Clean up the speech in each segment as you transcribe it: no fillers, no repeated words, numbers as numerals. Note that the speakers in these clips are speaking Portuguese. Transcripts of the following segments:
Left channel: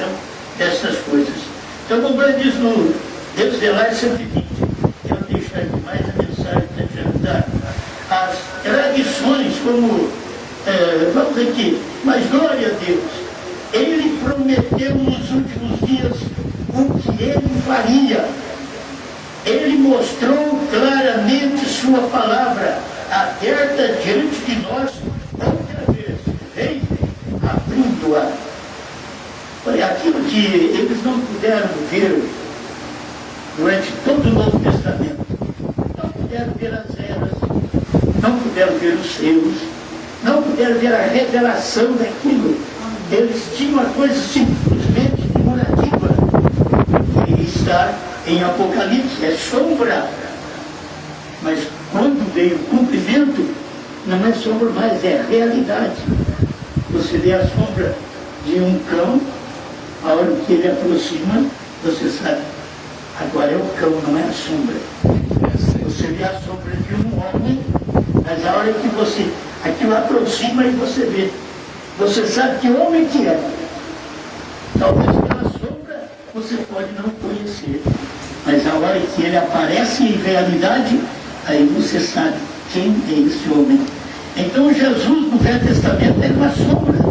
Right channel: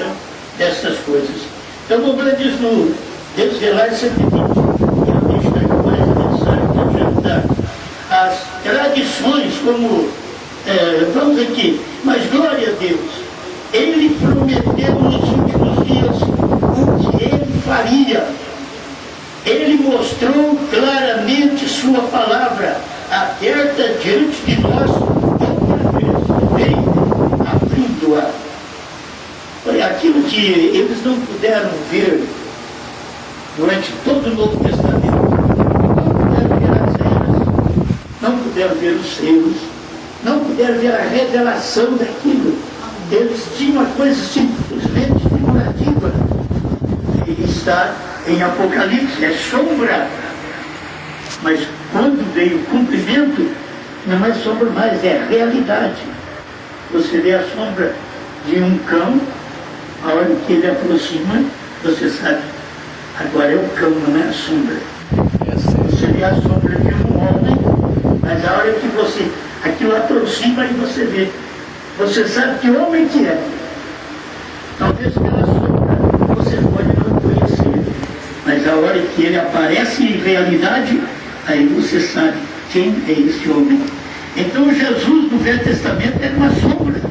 revelação dessas coisas. Então, como ele diz no Desvelar 120, eu deixo mais a mensagem de adiantar as tradições, como, vamos aqui, mas glória a Deus, ele prometeu nos últimos dias o que ele faria. Ele mostrou claramente sua palavra aberta diante de nós outra vez. Vem abrindo-a. Aquilo que eles não puderam ver durante todo o Novo Testamento. Não puderam ver as eras, não puderam ver os selos, não puderam ver a revelação daquilo. Eles tinham uma coisa simplesmente figurativa. E está em Apocalipse, é sombra. Mas quando vem o cumprimento, não é sombra mais, é realidade. Você vê a sombra de um cão, a hora que ele aproxima, você sabe, agora é o cão, não é a sombra. Você vê a sombra de um homem, mas a hora que você, aquilo aproxima e você vê, você sabe que homem que é. Talvez pela sombra você pode não conhecer, mas a hora que ele aparece em realidade, aí você sabe quem é esse homem. Então Jesus no Velho Testamento era uma sombra.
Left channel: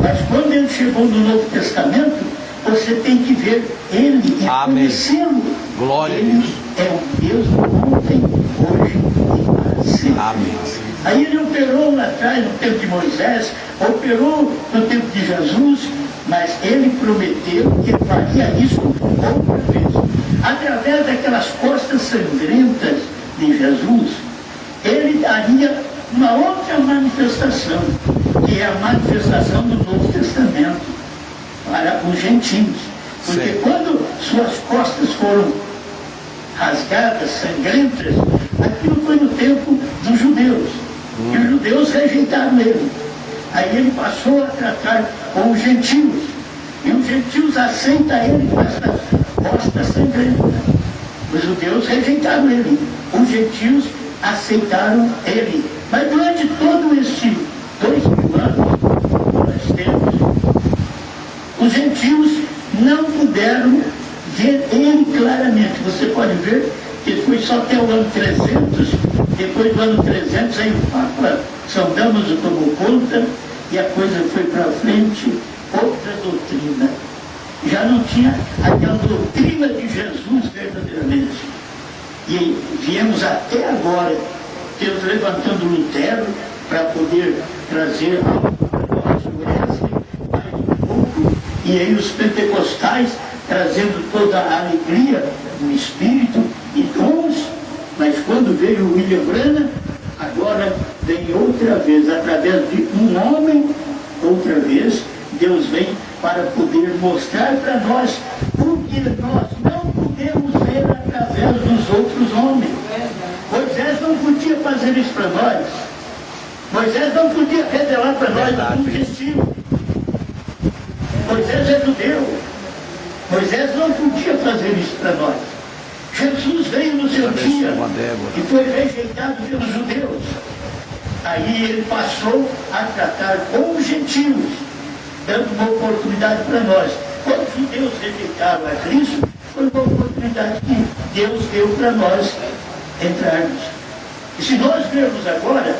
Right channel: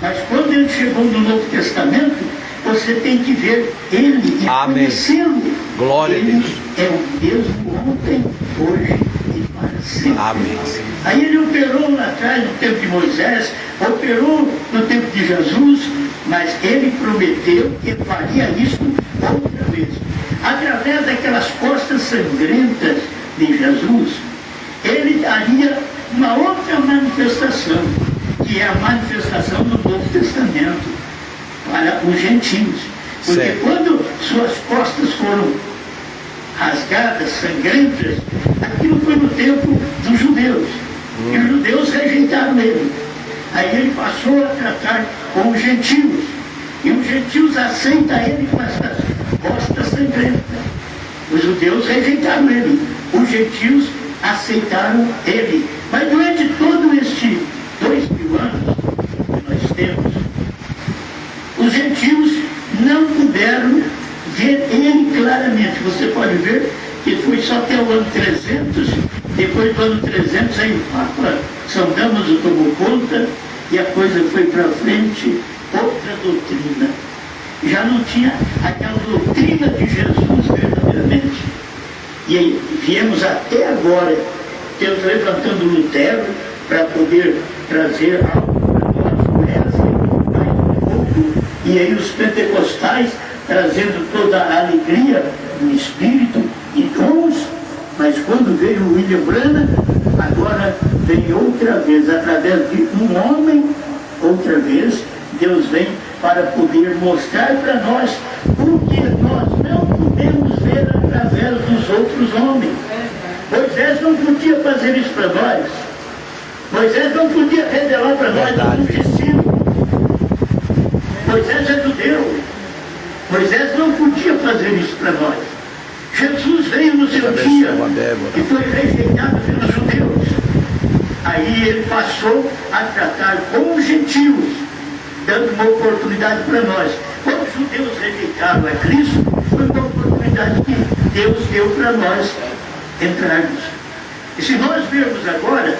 Mas quando ele chegou no Novo Testamento, você tem que ver ele e conhecê-lo. Glória ele a Deus. É o Deus do ontem, hoje e para sempre. Amém. Aí ele operou lá atrás, no tempo de Moisés, operou no tempo de Jesus, mas ele prometeu que faria isso outra vez. Através daquelas costas sangrentas de Jesus, ele daria uma outra manifestação, que é a manifestação do Novo Testamento para os gentios. Porque certo. Quando suas costas foram rasgadas, sangrentas, aquilo foi no tempo dos judeus. E os judeus rejeitaram ele. Aí ele passou a tratar com os gentios. E os gentios aceitam ele com essas costas sangrentas. Os judeus rejeitaram ele. Os gentios aceitaram ele. Mas durante todo este 2000 anos, nós temos, os gentios não puderam ver ele claramente. Você pode ver que foi só até o ano 300, depois do ano 300, aí o Papa São Damaso tomou conta e a coisa foi para frente, outra doutrina. Já não tinha aquela doutrina de Jesus verdadeiramente. E viemos até agora, Deus levantando Lutero para poder trazer algo para nós, mais um pouco, e aí os pentecostais trazendo toda a alegria do Espírito e dons, mas quando veio o William Branham, agora vem outra vez, através de um homem, outra vez, Deus vem para poder mostrar para nós o que nós não podemos ver através dos outros homens. Moisés não podia fazer isso para nós. Moisés não podia revelar para nós o destino. Moisés é judeu. Moisés não podia fazer isso para nós. Jesus veio no seu dia e foi rejeitado pelos judeus. Aí ele passou a tratar com os gentios, dando uma oportunidade para nós. Quando os judeus rejeitaram a Cristo, foi uma oportunidade que Deus deu para nós entrarmos. E se nós vermos agora,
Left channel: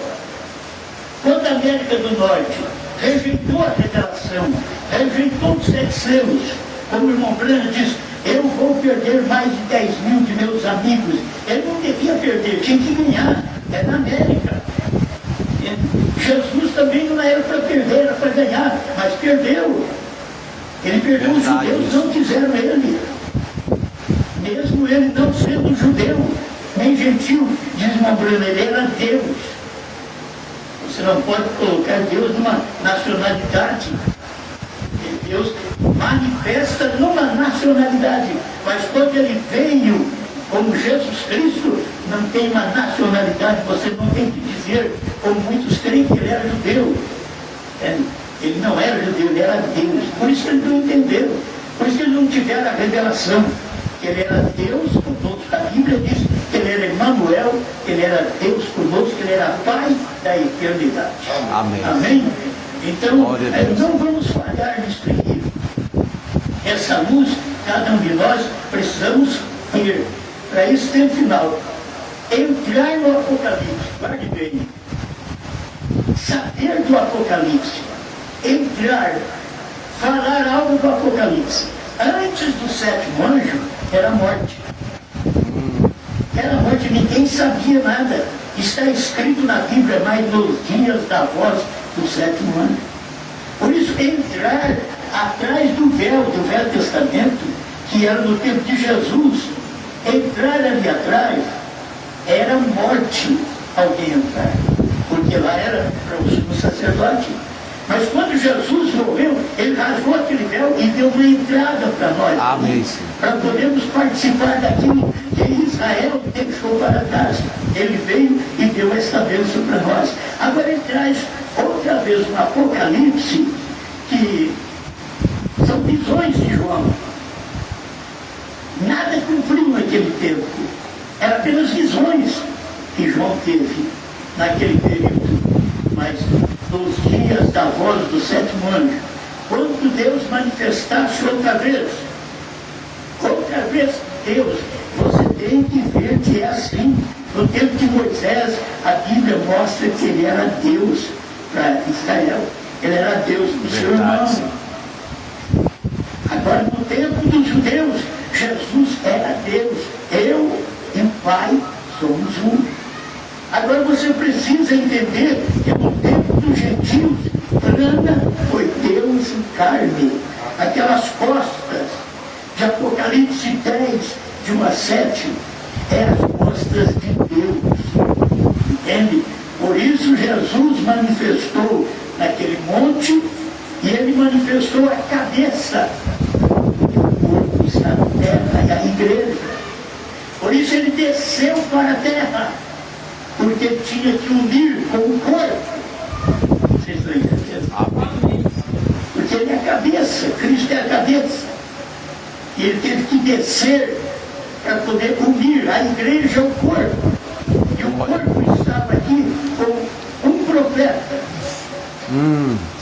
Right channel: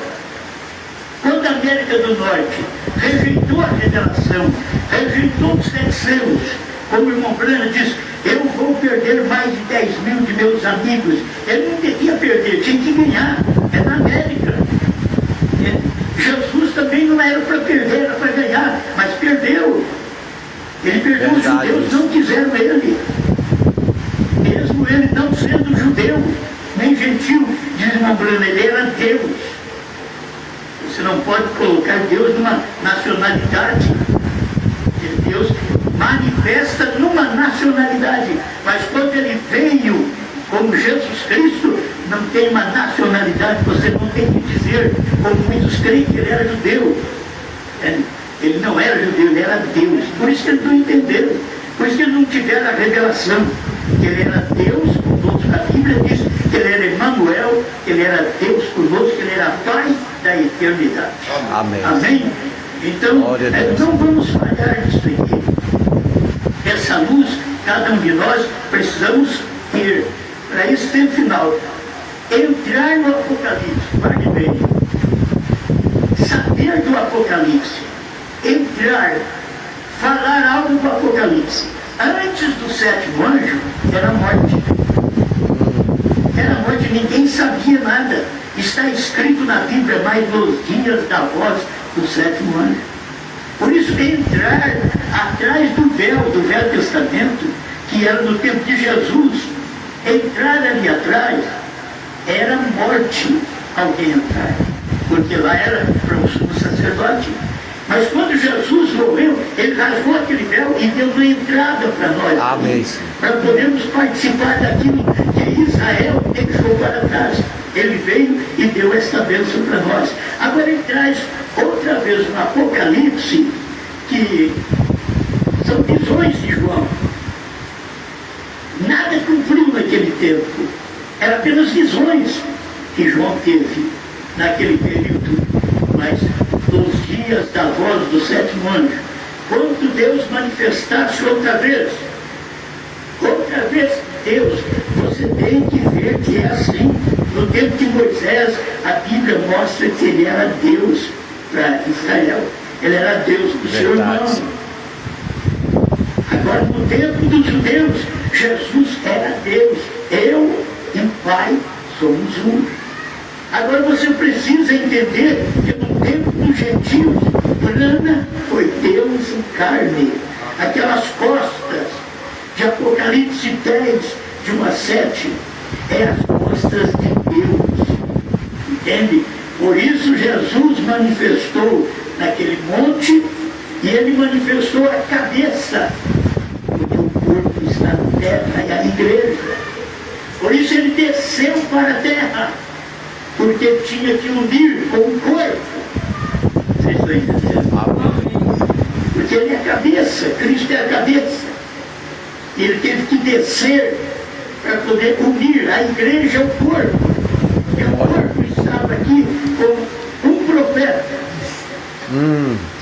quando a América do Norte rejeitou a revelação, rejeitou os 7 selos, como o irmão Branham diz, eu vou perder mais de 10 mil de meus amigos. Ele não devia perder, tinha que ganhar. É na América. Jesus também não era para perder, era para ganhar, mas perdeu. Ele perdeu. Os judeus, não quiseram ele. Mesmo ele não sendo judeu, nem gentil, diz o irmão Branham, ele era Deus. Você não pode colocar Deus numa nacionalidade. Deus manifesta numa nacionalidade, mas quando ele veio como Jesus Cristo, não tem uma nacionalidade, você não tem que dizer, como muitos creem, que ele era judeu. Ele não era judeu, ele era Deus. Por isso que eles não entenderam, por isso que eles não tiveram a revelação, que ele era Deus conosco. A Bíblia diz que ele era Emmanuel, que ele era Deus conosco, que ele era Pai da eternidade. Amém. Amém? Então, não vamos falhar nisso aqui. Essa luz, cada um de nós precisamos ter. Para esse tempo final, entrar no Apocalipse, guarde bem, saber do Apocalipse, entrar, falar algo do Apocalipse. Antes do sétimo anjo, era a morte. Era a morte, ninguém sabia nada. Está escrito na Bíblia, mas nos dias da voz do sétimo anjo. Por isso, entrar atrás do Velho Testamento, que era no tempo de Jesus, entrar ali atrás era morte alguém entrar, porque lá era para o sumo sacerdote. Mas quando Jesus morreu, ele rasgou aquele véu e deu uma entrada para nós. Amém. Para podermos participar daquilo que Israel deixou para trás. Ele veio e deu essa bênção para nós. Agora ele traz outra vez no Apocalipse, que são visões de João. Nada cumpriu naquele tempo. Era apenas visões que João teve naquele período. Mas nos dias da voz do sétimo anjo, quando Deus manifestasse outra vez, Deus, você tem que ver que é assim. No tempo de Moisés, a Bíblia mostra que ele era Deus para Israel. Ele era Deus do seu irmão. Agora, no tempo dos judeus, Jesus era Deus. Eu e o Pai somos um. Agora você precisa entender que no tempo dos gentios, Brana foi Deus em carne. Aquelas costas de Apocalipse 10, de 1 a 7, é as costas de Deus. Entende? Por isso Jesus manifestou naquele monte e ele manifestou a cabeça. Porque o corpo está na terra, é a igreja. Por isso ele desceu para a terra, porque tinha que unir com o corpo. Vocês estão entendendo? Porque ele é a cabeça, Cristo é a cabeça. E ele teve que descer para poder unir a igreja ao corpo. E o corpo estava aqui com um profeta.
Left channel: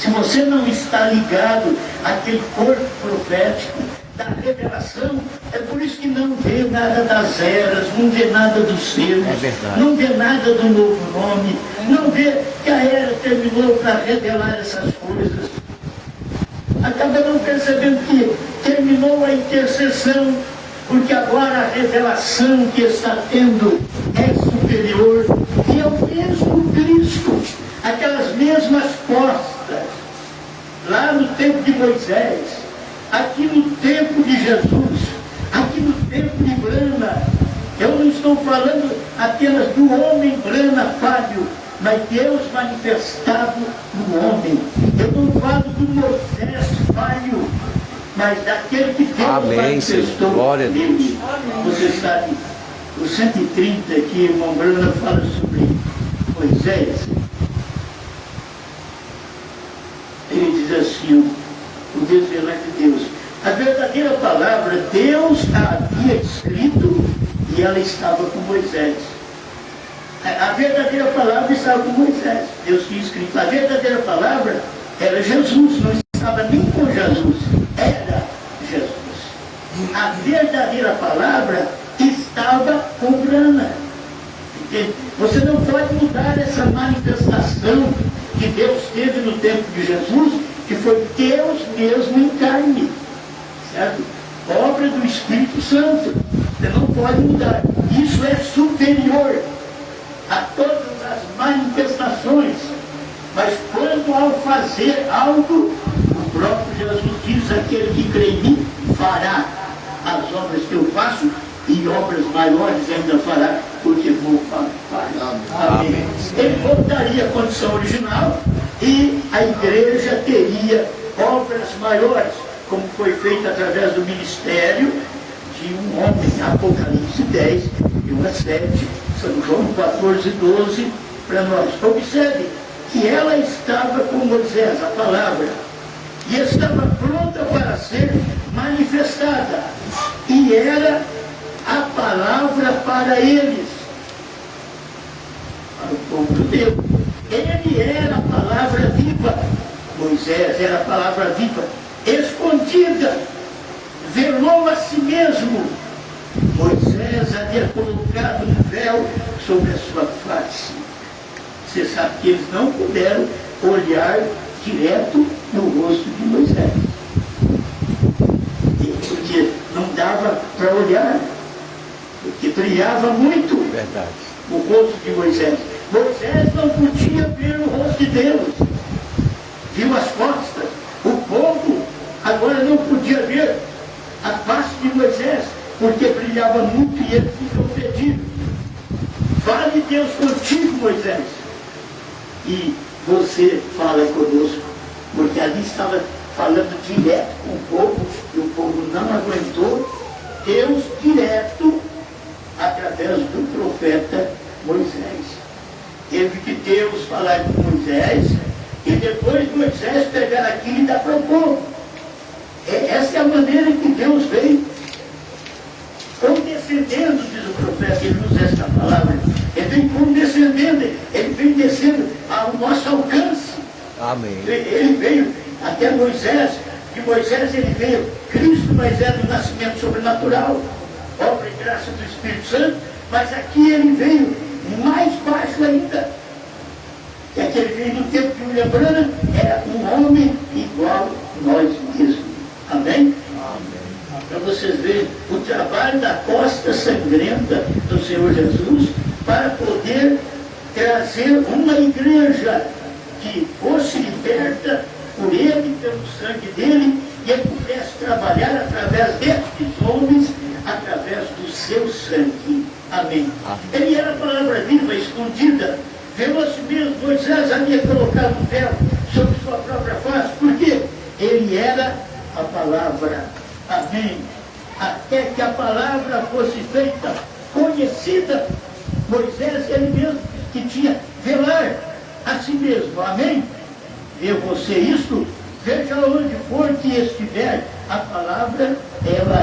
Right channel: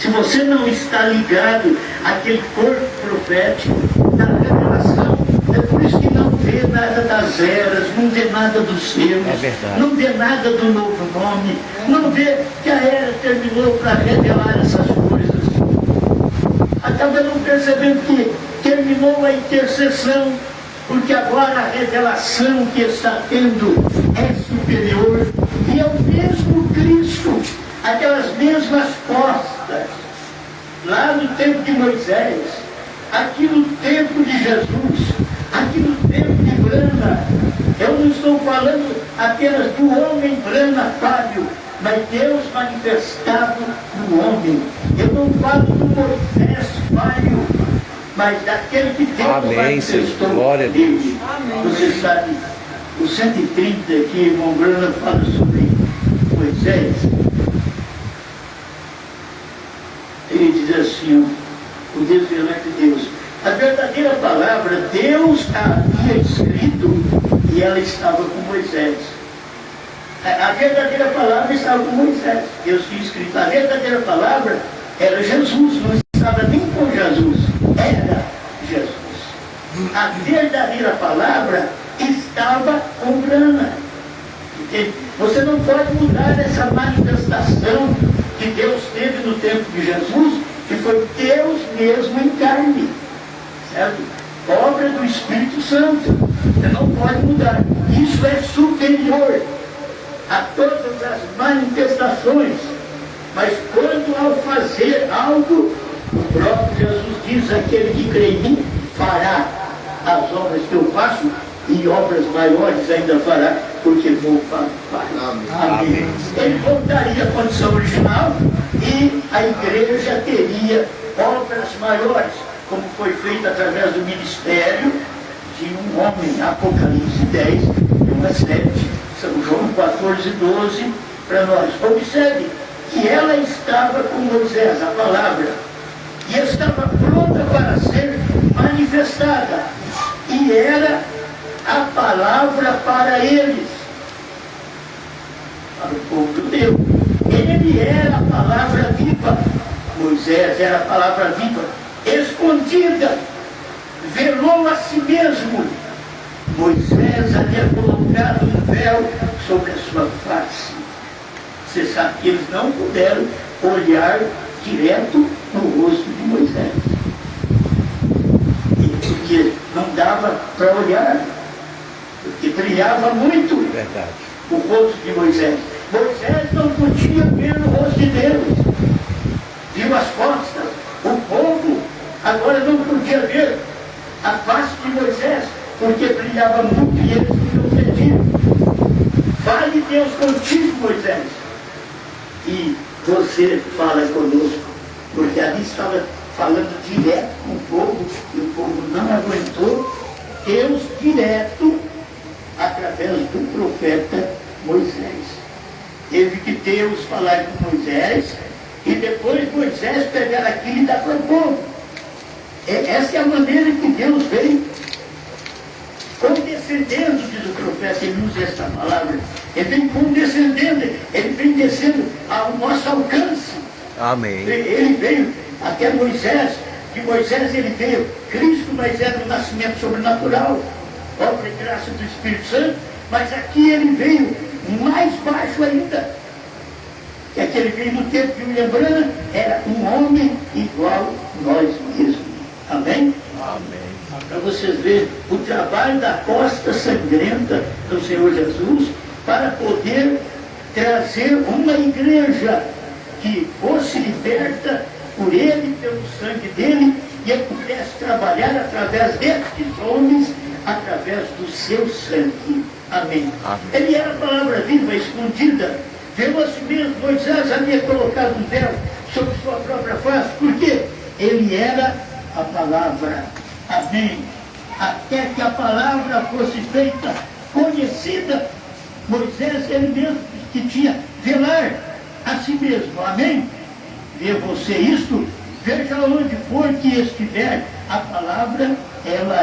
Se você não está ligado àquele corpo profético da revelação, é por isso que não vê nada das eras, não vê nada dos seus, não vê nada do novo nome, não vê que a era terminou para revelar essas coisas. Acaba não percebendo que terminou a intercessão, porque agora a revelação que está tendo é superior, e é o mesmo Cristo, aquelas mesmas costas, lá no tempo de Moisés, aqui no tempo de Jesus, aqui no tempo de Brana. Eu não estou falando apenas do homem Brana Fábio, mas Deus manifestado no homem. Eu não falo do Moisés Fábio, mas daquele que Deus manifestou nele. Você sabe, o 130 que irmão Brana fala sobre Moisés, ele diz assim, o desvelar de Deus. A verdadeira palavra, Deus havia escrito e ela estava com Moisés. A verdadeira palavra estava com Moisés. Deus tinha escrito. A verdadeira palavra era Jesus, não estava nem com Jesus, era Jesus. A verdadeira palavra estava com Brana. Você não pode mudar essa manifestação que Deus teve no tempo de Jesus, que foi Deus mesmo em carne. Certo? Obra do Espírito Santo. Você não pode mudar. Isso é superior a todas as manifestações. Mas quando ao fazer algo, o próprio Jesus diz, aquele que crê em mim fará as obras que eu faço e obras maiores ainda fará, porque vou para o Pai. Amém. Ele voltaria à condição original e a igreja teria obras maiores, como foi feito através do ministério de um homem, Apocalipse 10, de 1 a 7, São João 14, 12, para nós. Observe que ela estava com Moisés, a palavra, e estava pronta para ser manifestada, e era a palavra para eles, para o povo judeu. Ele era a palavra viva, Moisés era a palavra viva, escondida velou a si mesmo. Moisés havia colocado um véu sobre a sua face. Você sabe que eles não puderam olhar direto no rosto de Moisés. Porque não dava para olhar, porque brilhava muito. Verdade. O rosto de Moisés. Moisés não podia ver o rosto de Deus. Viu as costas. O povo agora não podia ver a face de Moisés, porque brilhava muito e ele ficou pedido. Fale Deus contigo, Moisés. E você fala conosco, porque ali estava falando direto com o povo, e o povo não aguentou. Deus direto, através do profeta Moisés. Teve que Deus falar com Moisés, e depois Moisés pegar aquilo e dar para o povo. Essa é a maneira que Deus veio condescendendo, diz o profeta, ele usa essa palavra. Ele vem condescendendo, ele vem descendo ao nosso alcance. Amém. Ele veio até Moisés, de Moisés ele veio Cristo, mas é do nascimento sobrenatural, obra e graça do Espírito Santo, mas aqui ele veio mais baixo ainda. Que aquele veio no tempo de William Branham, era um homem igual a nós mesmos. Amém? Amém. Para vocês verem o trabalho da costa sangrenta do Senhor Jesus para poder trazer uma igreja que fosse liberta por ele, pelo sangue dele, e ele pudesse trabalhar através destes homens, através do seu sangue. Amém. Amém. Ele era a palavra viva, escondida. Veloz mesmo, Moisés havia colocado um véu sobre sua própria face. Por quê? Ele era a palavra. Amém. Até que a palavra fosse feita conhecida, Moisés, ele mesmo que tinha velar a si mesmo. Amém? Vê você isto? Veja onde for que estiver a palavra, ela